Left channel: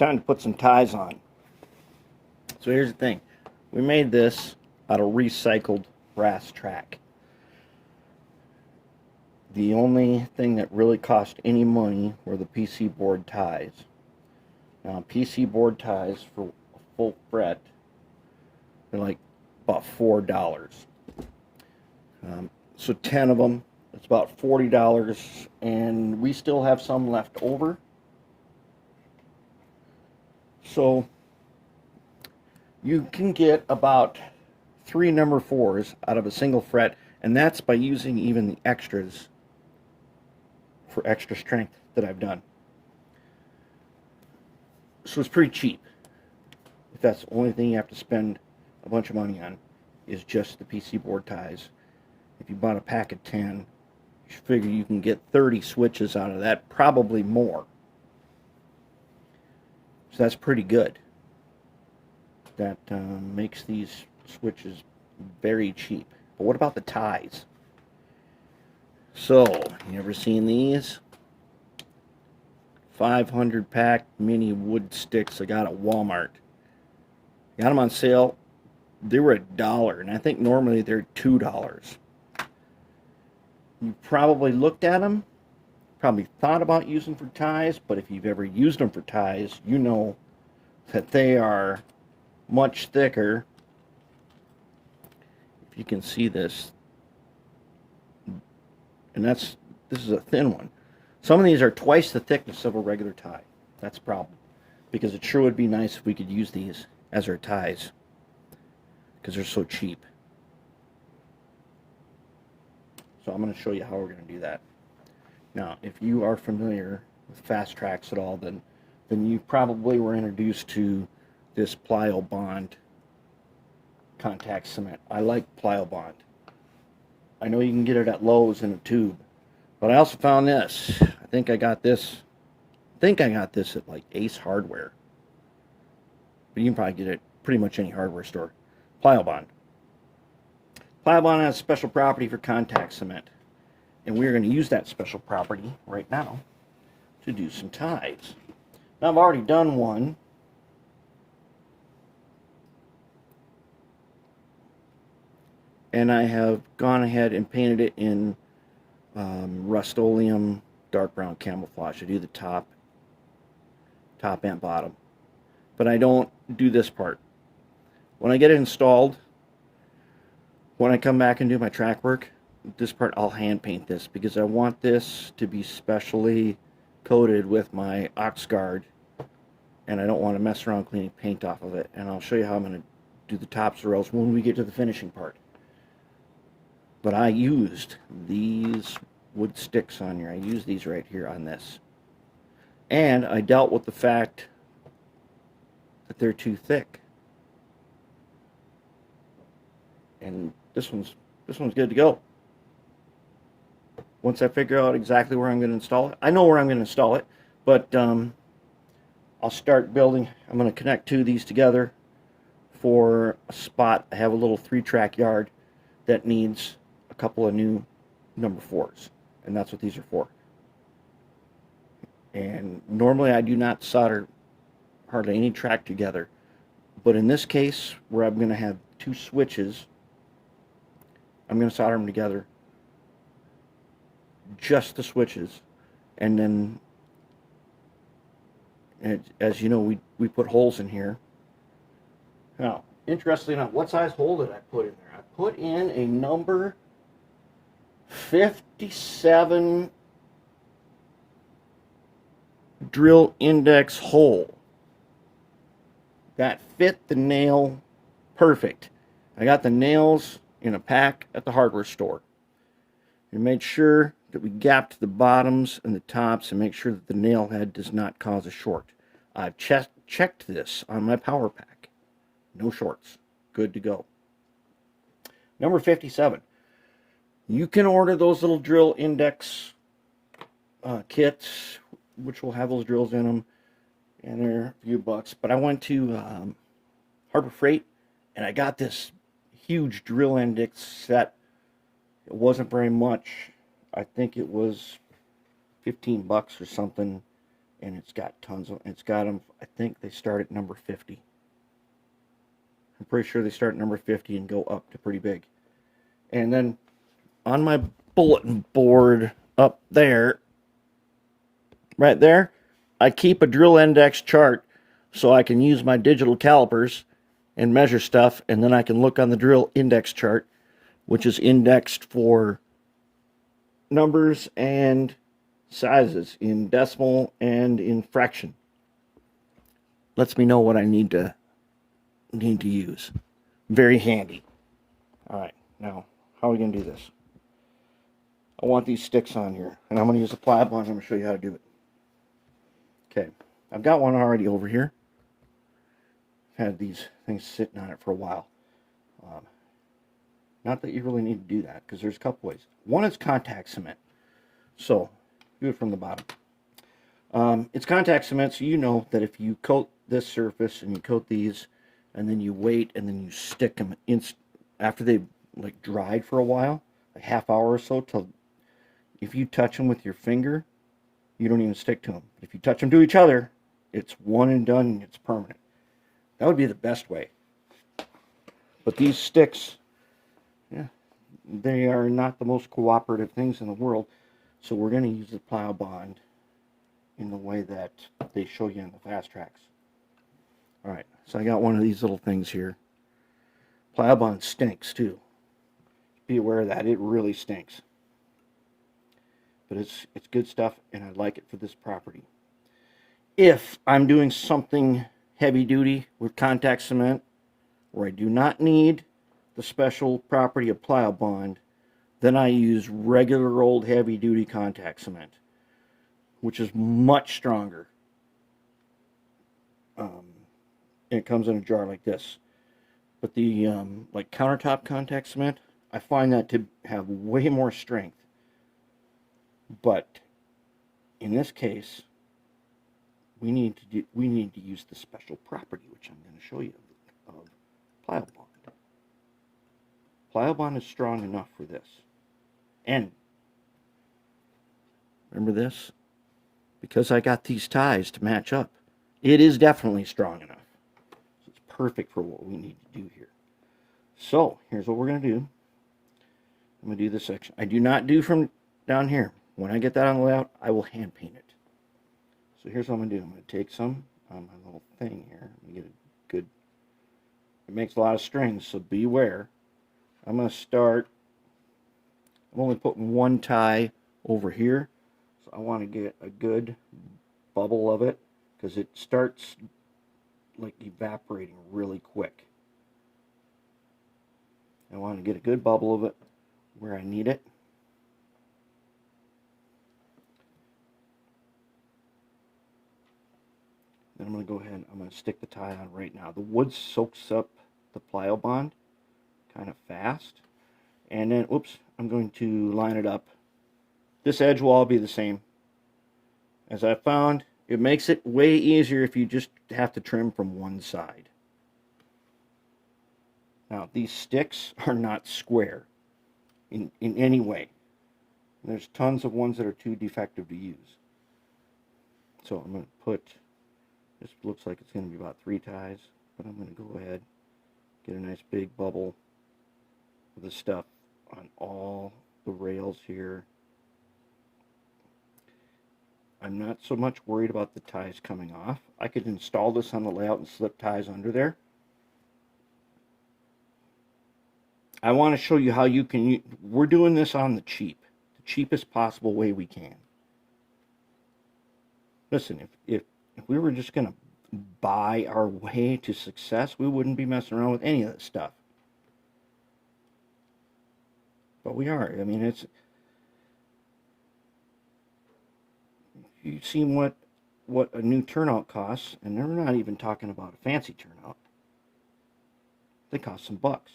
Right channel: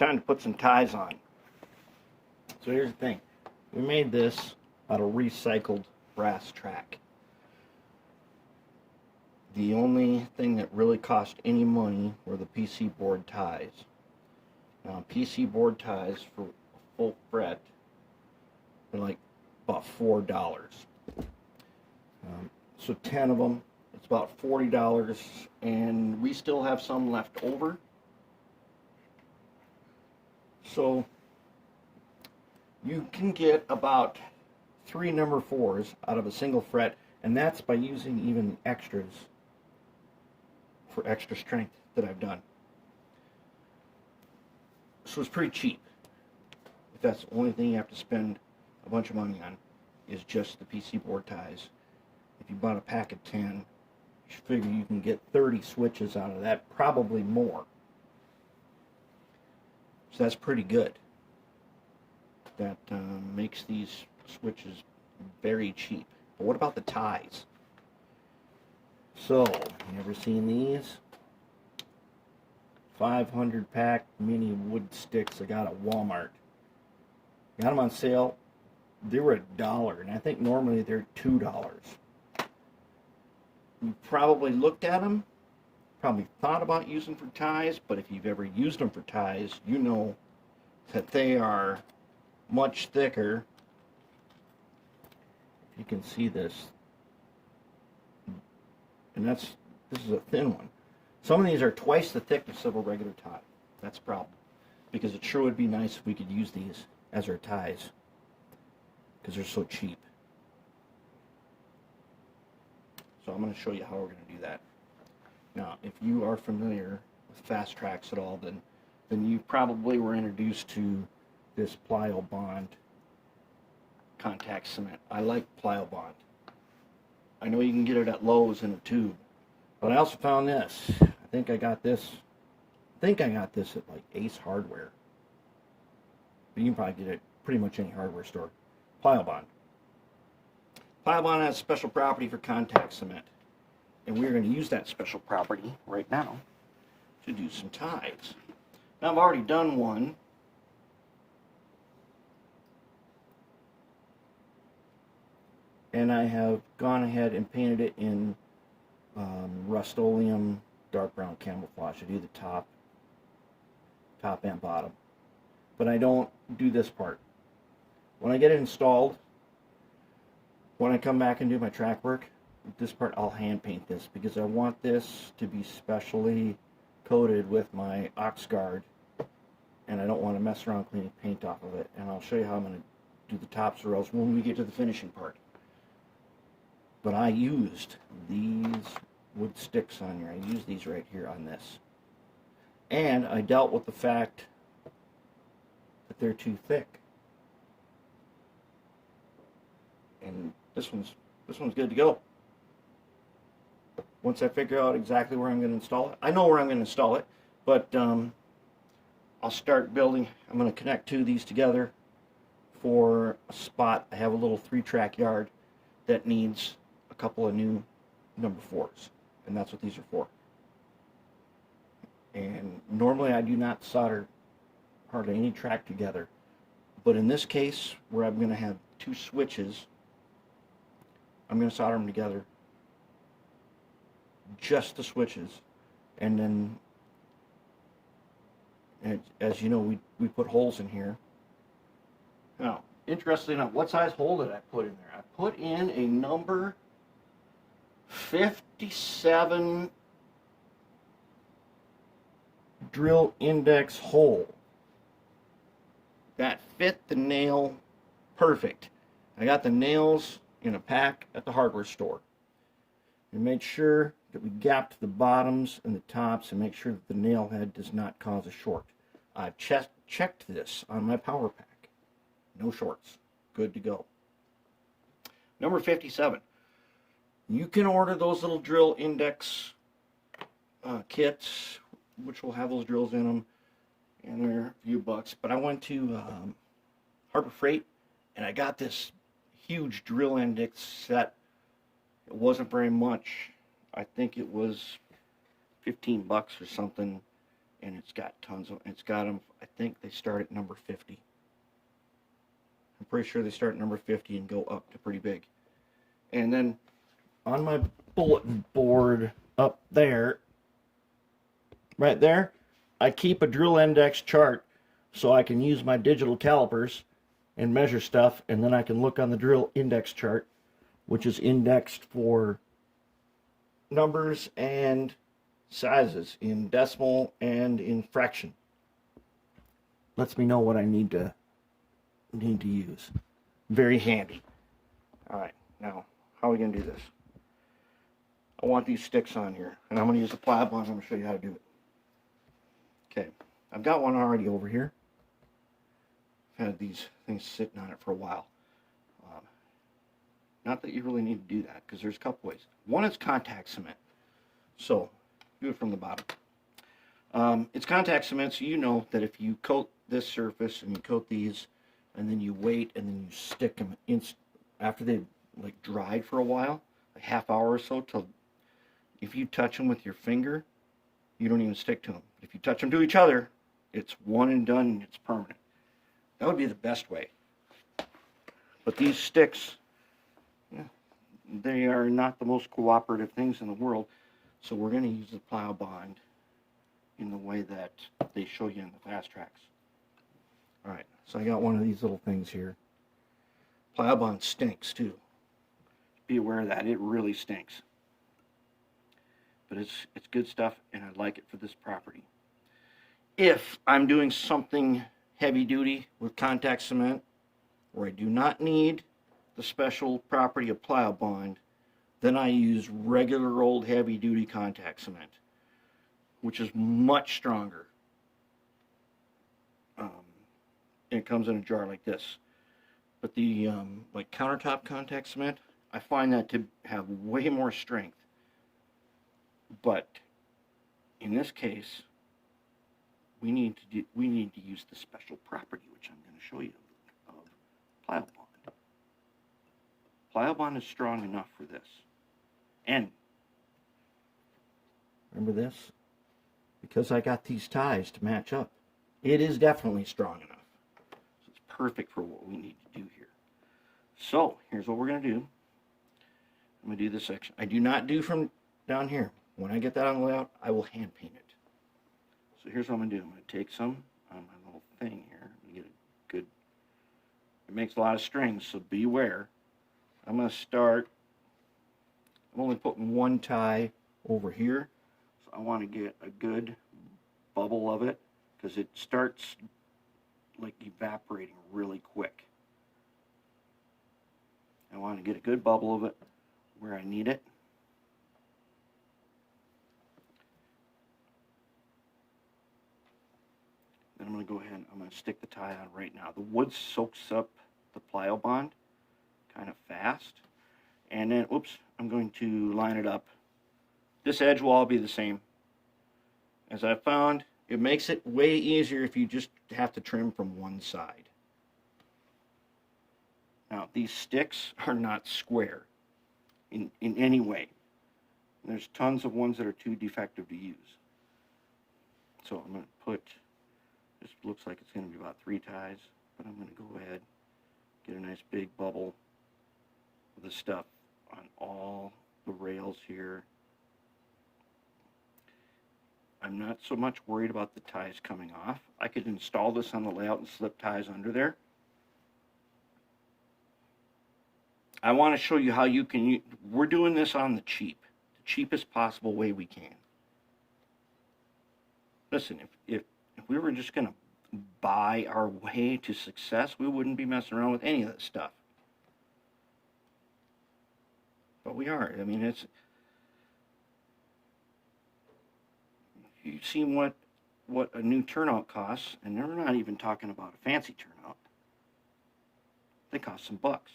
time to put some ties on. So here's the thing. We made this out of recycled brass track. The only thing that really cost any money were the PC board ties. Now, PC board ties for a full fret, they're like about $4. So 10 of them, it's about $40, and we still have some left over. So you can get about 3 number 4s out of a single fret, and that's by using even the extras for extra strength that I've done. So it's pretty cheap. If that's the only thing you have to spend a bunch of money on, is just the PC board ties. If you bought a pack of 10, you figure you can get 30 switches out of that, probably more. So that's pretty good. That makes these switches very cheap. But what about the ties? So, you ever seen these? 500 pack mini wood sticks I got at Walmart. Got them on sale. They were $1, and I think normally they're $2. You probably looked at them, probably thought about using for ties, but if you've ever used them for ties, you know that they are much thicker. If you can see this, and this is a thin one. Some of these are twice the thickness of a regular tie. That's a problem, because it sure would be nice if we could use these as our ties, because they're so cheap. So I'm going to show you how we're going to do that. Now, if you are familiar with fast tracks at all, then you probably were introduced to this Pliobond contact cement. I like Pliobond. I know you can get it at Lowe's in a tube, but I also found this. I think I got this at like Ace Hardware. But you can probably get it at pretty much any hardware store. Pliobond. Pliobond has special property for contact cement, and we're going to use that special property right now to do some ties. Now, I've already done one. And I have gone ahead and painted it in Rust-Oleum dark brown camouflage. I do the top and bottom. But I don't do this part. When I get it installed, when I come back and do my track work, this part I'll hand paint this, because I want this to be specially coated with my Oxguard, and I don't want to mess around cleaning paint off of it. And I'll show you how I'm going to do the tops or else when we get to the finishing part. But I used these wood sticks on here. I used these right here on this. And I dealt with the fact that they're too thick. And this one's good to go. Once I figure out exactly where I'm going to install it. I know where I'm going to install it, but I'll start building. I'm going to connect 2 of these together for a spot. I have a little 3-track yard that needs a couple of new number 4s, and that's what these are for. And normally I do not solder hardly any track together, but in this case, where I'm going to have 2 switches, I'm going to solder them together, just the switches. And then, as you know, we put holes in here. Now, interestingly enough, what size hole did I put in there? I put in a number 57 drill index hole that fit the nail perfect. I got the nails in a pack at the hardware store. We made sure that we gapped the bottoms and the tops and make sure that the nail head does not cause a short. I've checked this on my power pack. No shorts. Good to go. Number 57. You can order those little drill index kits, which will have those drills in them, and they're a few bucks. But I went to Harbor Freight, and I got this huge drill index set. It wasn't very much. I think it was 15 bucks or something, and it's got tons of, it's got them, I think they start at number 50. I'm pretty sure they start at number 50 and go up to pretty big. And then on my bulletin board up there, right there, I keep a drill index chart so I can use my digital calipers and measure stuff, and then I can look on the drill index chart, which is indexed for numbers and sizes in decimal and in fraction. Lets me know what I need to use. Very handy. All right, now how are we going to do this? I want these sticks on here, and I'm going to use a Pliobond. I'm going to show you how to do it. Okay, I've got one already over here. I've had these things sitting on it for a while. Not that you really need to do that, because there's a couple ways. One is contact cement. So, do it from the bottom. It's contact cement, so you know that if you coat this surface and you coat these, and then you wait, and then you stick them after they've like dried for a while, a half hour or so, till if you touch them with your finger, you don't even stick to them. If you touch them to each other, it's one and done, and it's permanent. That would be the best way. But these sticks, yeah, they are not the most cooperative things in the world, so we're going to use the Pliobond in the way that they show you in the fast tracks. Alright, so I got one of these little things here. Pliobond stinks too. Be aware of that, it really stinks. But it's good stuff, and I like it for this property. If I'm doing something heavy duty with contact cement, where I do not need the special property of Pliobond, then I use regular old heavy duty contact cement, which is much stronger. It comes in a jar like this. But the like countertop contact cement, I find that to have way more strength. But in this case, we need to use the special property, which I'm going to show you, of Pliobond. Pliobond is strong enough for this. And remember this? Because I got these ties to match up, it is definitely strong enough. So it's perfect for what we need to do here. So here's what we're going to do. I'm going to do this section. I do not do from down here. When I get that on the layout, I will hand paint it. So here's what I'm going to do. I'm going to take some on my little thing here. I'm going to get a good, it makes a lot of strings, so beware. I'm going to start, I'm only putting one tie over here, so I want to get a good bubble of it, because it starts like evaporating really quick. I want to get a good bubble of it where I need it. Then I'm going to go ahead and I'm going to stick the tie on right now. The wood soaks up the Pliobond kind of fast. And then, oops, I'm going to line it up. This edge will all be the same. As I found, it makes it way easier if you just have to trim from one side. Now, these sticks are not square in any way. There's tons of ones that are too defective to use. So I'm going to put, this looks like it's going to be about 3 ties, but I'm going to go ahead, get a nice big bubble of the stuff on all the rails here. I'm not so much worried about the ties coming off. I could install this on the layout and slip ties under there. I want to show you how you can, we're doing this on the cheap. The cheapest possible way we can. Listen, if we were just going to buy our way to success, we wouldn't be messing around with any of this stuff. But we are. I mean, it's, you've seen what a new turnout costs, and they're not even talking about a fancy turnout. They cost some bucks.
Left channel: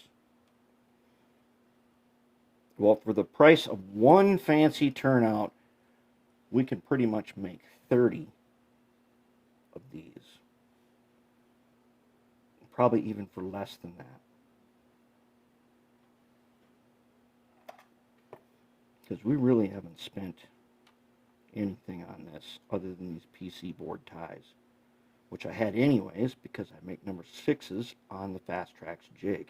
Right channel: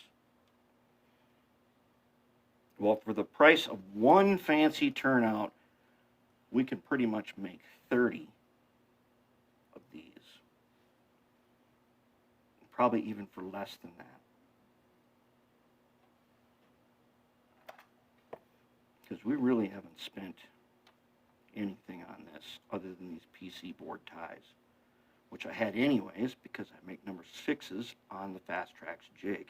Well, for the price of one fancy turnout, we can pretty much make 30 of these. Probably even for less than that. Because we really haven't spent anything on this other than these PC board ties, which I had anyways because I make number 6s on the Fast Tracks jig.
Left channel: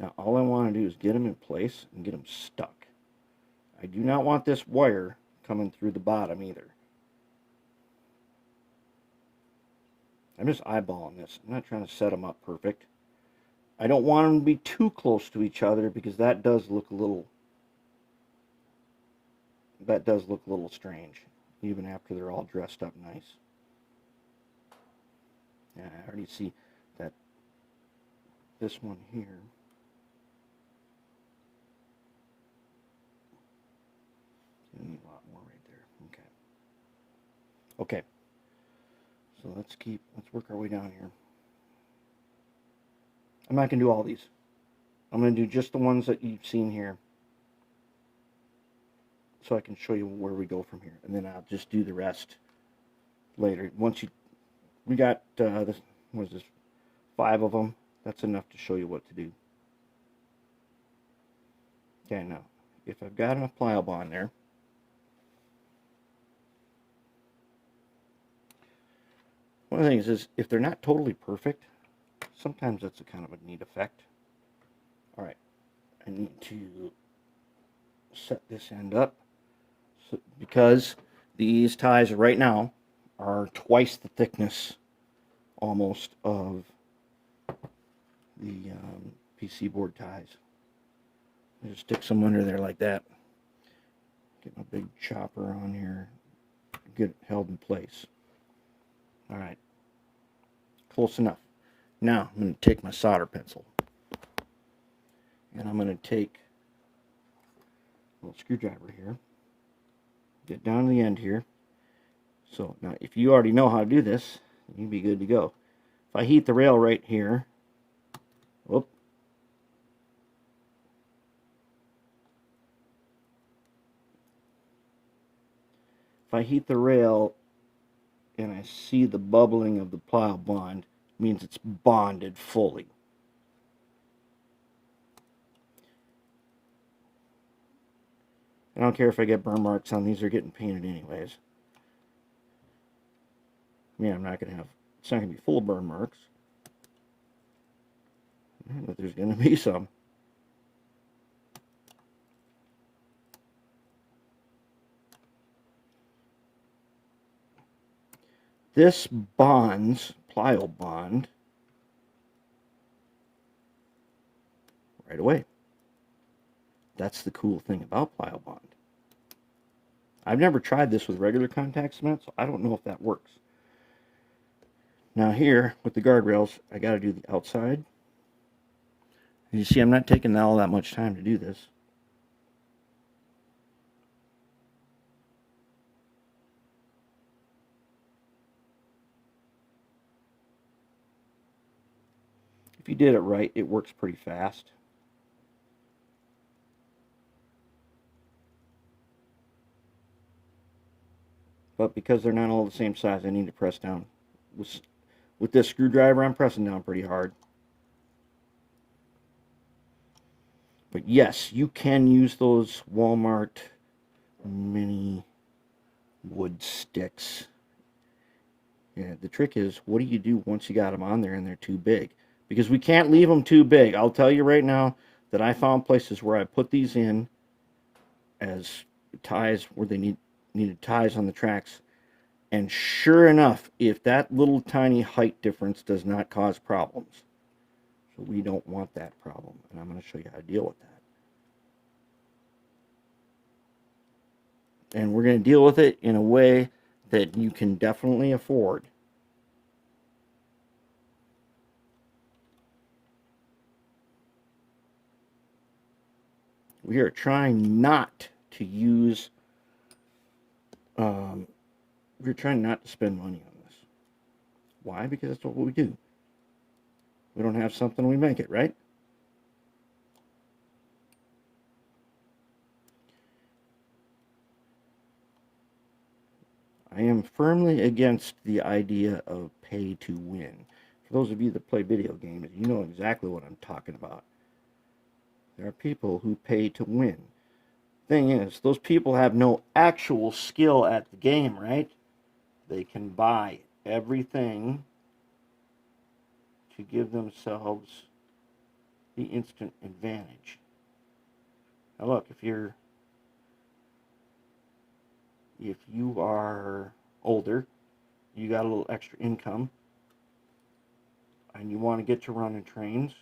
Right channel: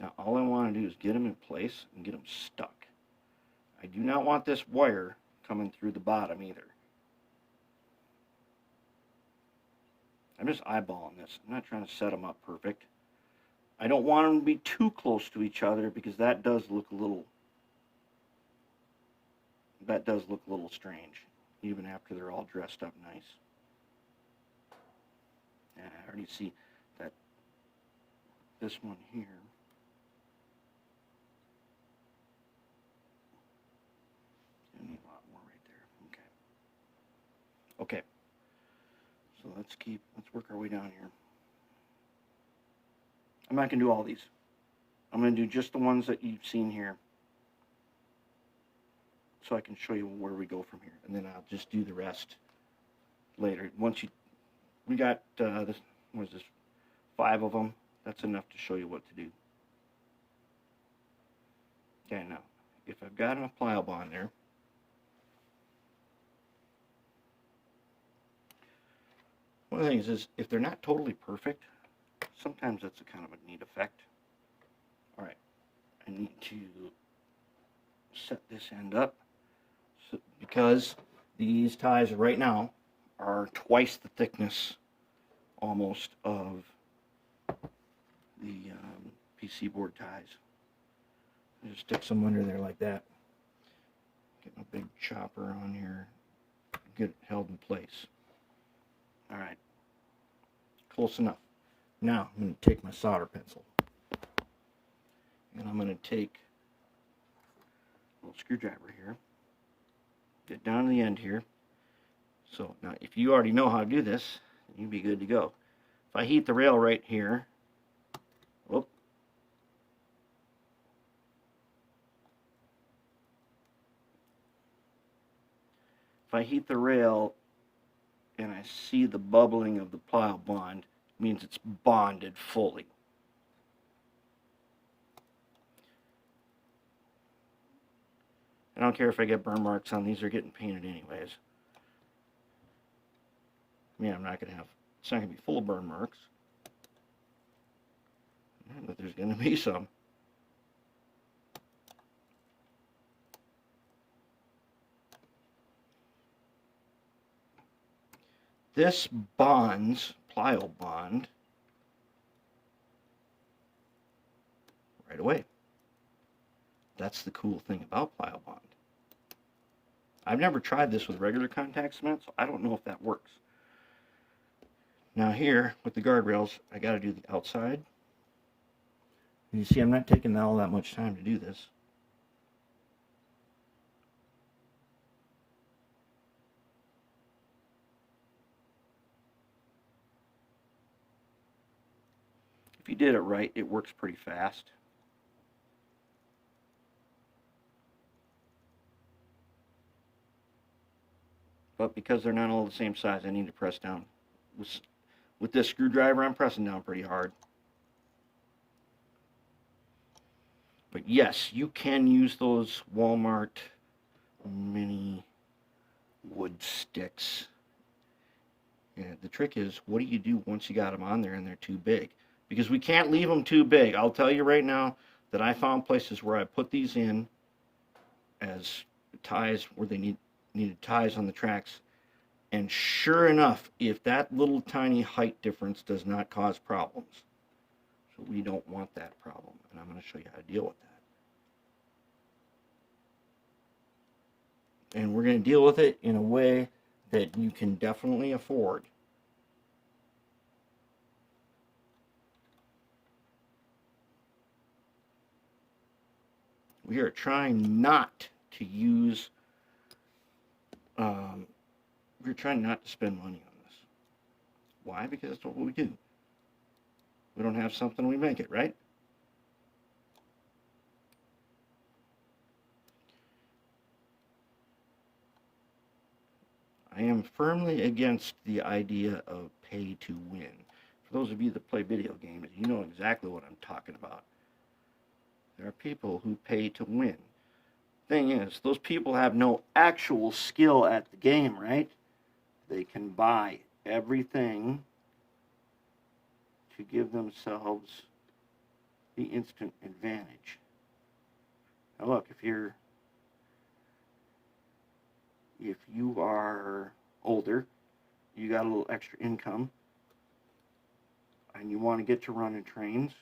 Now all I want to do is get them in place and get them stuck. I do not want this wire coming through the bottom either. I'm just eyeballing this. I'm not trying to set them up perfect. I don't want them to be too close to each other because that does look a little strange, even after they're all dressed up nice. Yeah, I already see that this one here. A lot more right there. Okay. Okay. So let's work our way down here. I'm not going to do all these. I'm going to do just the ones that you've seen here, so I can show you where we go from here, and then I'll just do the rest later. We got this. What is this? 5 of them. That's enough to show you what to do. Okay, now if I've got enough Pliobond there, one of the things is if they're not totally perfect, sometimes that's a kind of a neat effect. Alright, I need to set this end up because these ties right now are twice the thickness almost of the PC board ties. I just stick some under there like that. Get my big chopper on here, get it held in place. Alright, close enough. Now I'm going to take my solder pencil and I'm going to take a little screwdriver here, get down to the end here. So now if you already know how to do this, you'll be good to go. If I heat the rail right here, whoop, if I heat the rail and I see the bubbling of the Pliobond, means it's bonded fully. I don't care if I get burn marks on these, they're getting painted anyways. Yeah, it's not going to be full of burn marks, but there's going to be some. This bonds Pliobond right away. That's the cool thing about Pliobond. I've never tried this with regular contact cement, so I don't know if that works. Now here, with the guardrails, I got to do the outside. You see, I'm not taking all that much time to do this. If you did it right, it works pretty fast. But because they're not all the same size, I need to press down. With this screwdriver, I'm pressing down pretty hard. But yes, you can use those Walmart mini wood sticks. Yeah, the trick is, what do you do once you got them on there and they're too big? Because we can't leave them too big. I'll tell you right now that I found places where I put these in as ties where they needed ties on the tracks. And sure enough, if that little tiny height difference does not cause problems. So we don't want that problem. And I'm going to show you how to deal with that. And we're going to deal with it in a way that you can definitely afford. We are trying not to use, we're trying not to spend money on this. Why? Because that's what we do. We don't have something, we make it, right? I am firmly against the idea of pay to win. For those of you that play video games, you know exactly what I'm talking about. There are people who pay to win. Thing is, those people have no actual skill at the game, right? They can buy everything to give themselves the instant advantage. Now look, if you are older, you got a little extra income, and you want to get to running trains,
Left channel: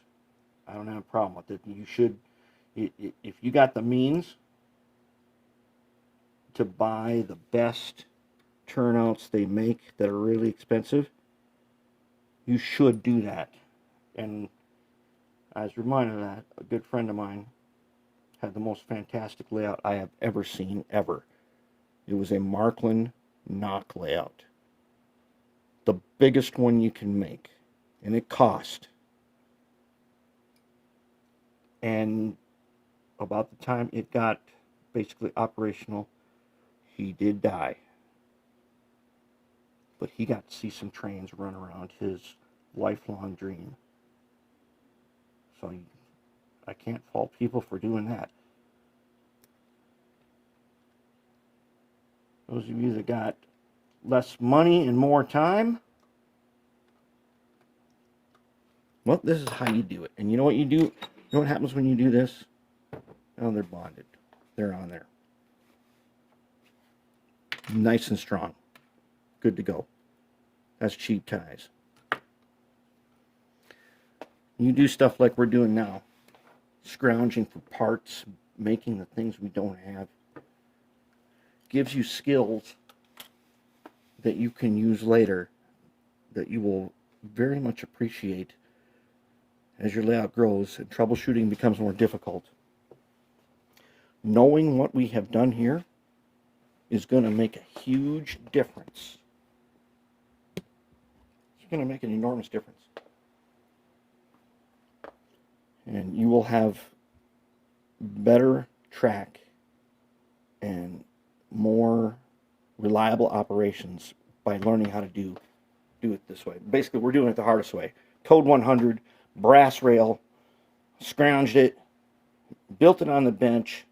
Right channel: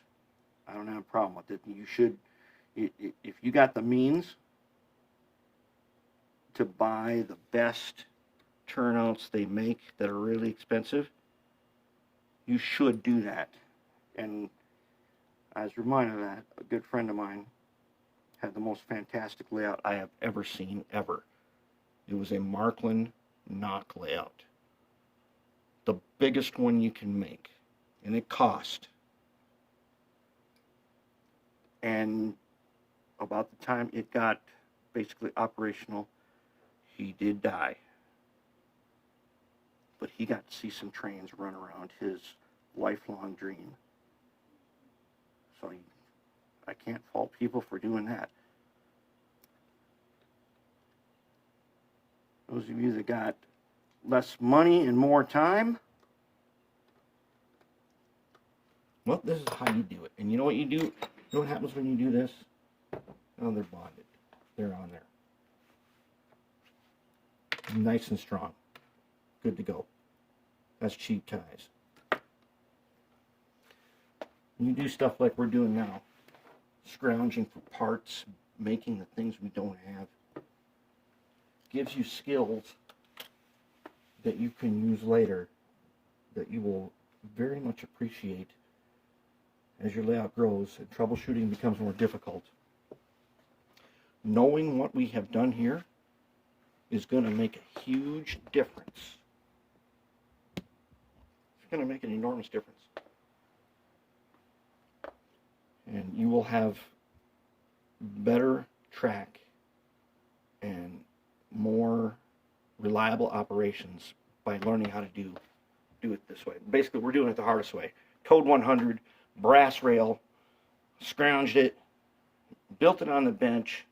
I don't have a problem with it. You should, if you got the means to buy the best turnouts they make that are really expensive, you should do that. And as a reminder of that, a good friend of mine had the most fantastic layout I have ever seen, ever. It was a Markland knock layout. The biggest one you can make. And it cost. And about the time it got basically operational, he did die. But he got to see some trains run around, his lifelong dream. So I can't fault people for doing that. Those of you that got less money and more time, well, this is how you do it. And you know what you do? You know what happens when you do this? Oh, they're bonded. They're on there. Nice and strong. Good to go. That's cheap ties. You do stuff like we're doing now. Scrounging for parts, making the things we don't have. Gives you skills that you can use later that you will very much appreciate as your layout grows and troubleshooting becomes more difficult. Knowing what we have done here is going to make a huge difference. It's going to make an enormous difference. And you will have better track and more reliable operations by learning how to do it this way. Basically, we're doing it the hardest way. Code 100, brass rail, scrounged it, built it on the bench,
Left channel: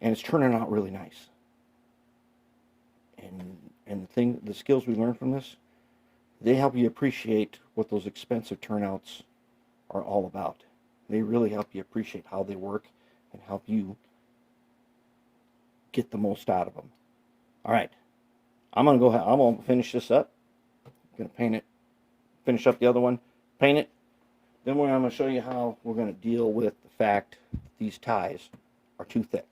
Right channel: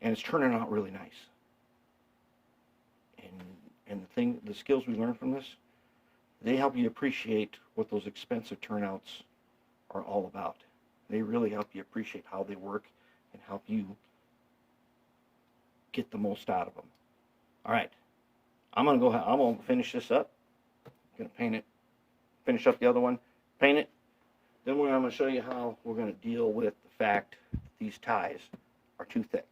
and it's turning out really nice. And the skills we learn from this, they help you appreciate what those expensive turnouts are all about. They really help you appreciate how they work and help you get the most out of them. All right, I'm gonna finish this up. I'm gonna paint it, finish up the other one, paint it. Then I'm gonna show you how we're gonna deal with the fact that these ties are too thick.